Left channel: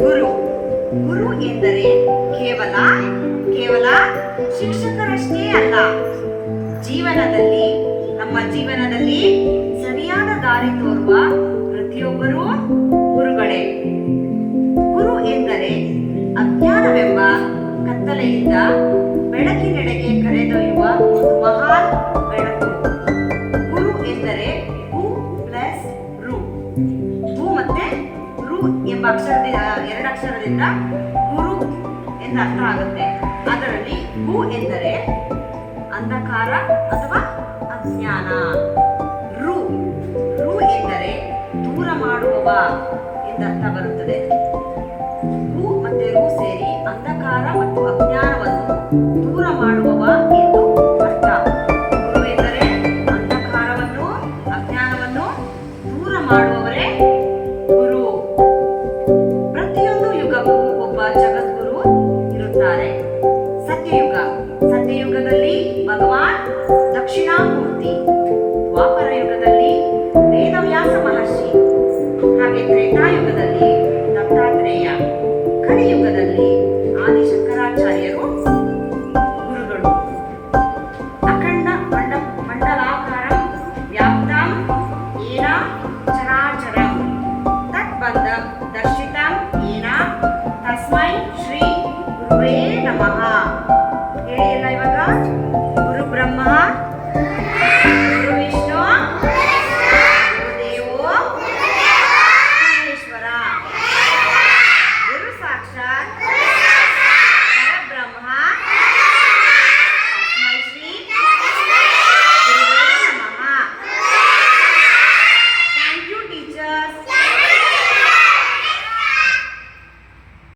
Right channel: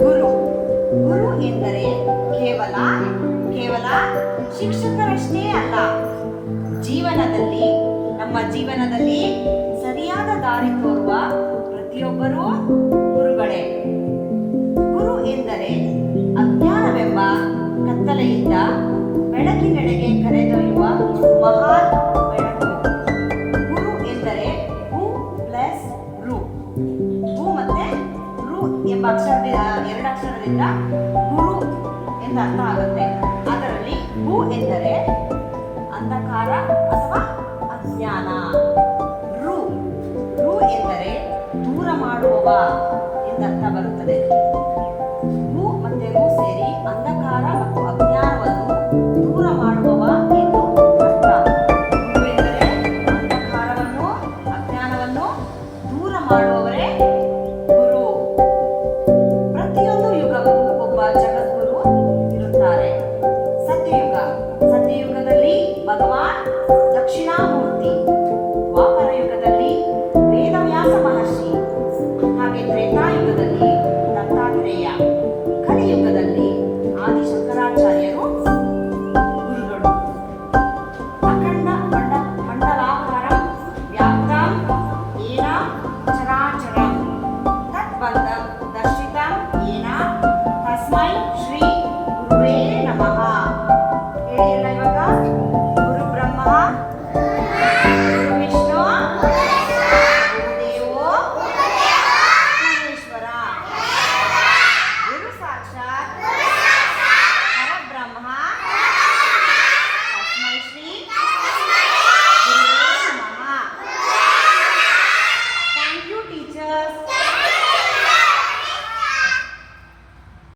ಗುರು ಗುರು ಎಂದರೆ ಕೇವಲ ಕೇವಲ ಶಿಕ್ಷಕರಷ್ಟೇ ಅಲ್ಲ, ಜೀವನದಲ್ಲಿ ನಮ್ಮ ಜೀವನದಲ್ಲಿ ಸರಿಯಾದ ದಾರಿ ತೋರುವ ಪ್ರತಿಯೊಬ್ಬರೂ ಗುರುಗಳೇ. ಗುರು ಎಂದರೆ ಅಜ್ಞಾನವೆಂಬ ಕತ್ತಲೆಯಿಂದ ಬೆಳಕಿನೆಡೆಗೆ ಕರೆದೊಯ್ಯುವ ಮಹಾನ್ ಬೆಳಕು. ಗುರು ಎಂದರೆ ಗು ಪ್ಲಸ್ ರು. ಗು ಮತ್ತೆ ರು ಎಂಬ ಎರಡು ಅಕ್ಷರದಿಂದ ಗುರು ಎಂದು ಅರ್ಥ ಆಗುತ್ತೆ. ಅದರಲ್ಲಿ ಗು ಎಂದರೆ ಅಂಧಕಾರ ಅಥವಾ ಅಜ್ಞಾನ. ರು ರು ಎಂದರೆ ದೂರ ಮಾಡುವವ ಎಂದರ್ಥ ಬರುತ್ತದೆ. ಗು ಮತ್ತೆ ರು ಸೇರಿ ಅಂಧಕಾರ ಮತ್ತು ಅಜ್ಞಾನವನ್ನು ದೂರ ಮಾಡುವವ ಎಂದು ಅರ್ಥ. ಗು ಎಂದರೆ ಅಂಧಕಾರವನ್ನು ಅಜ್ಞಾನವನ್ನು ದೂರ ಮಾಡುವವ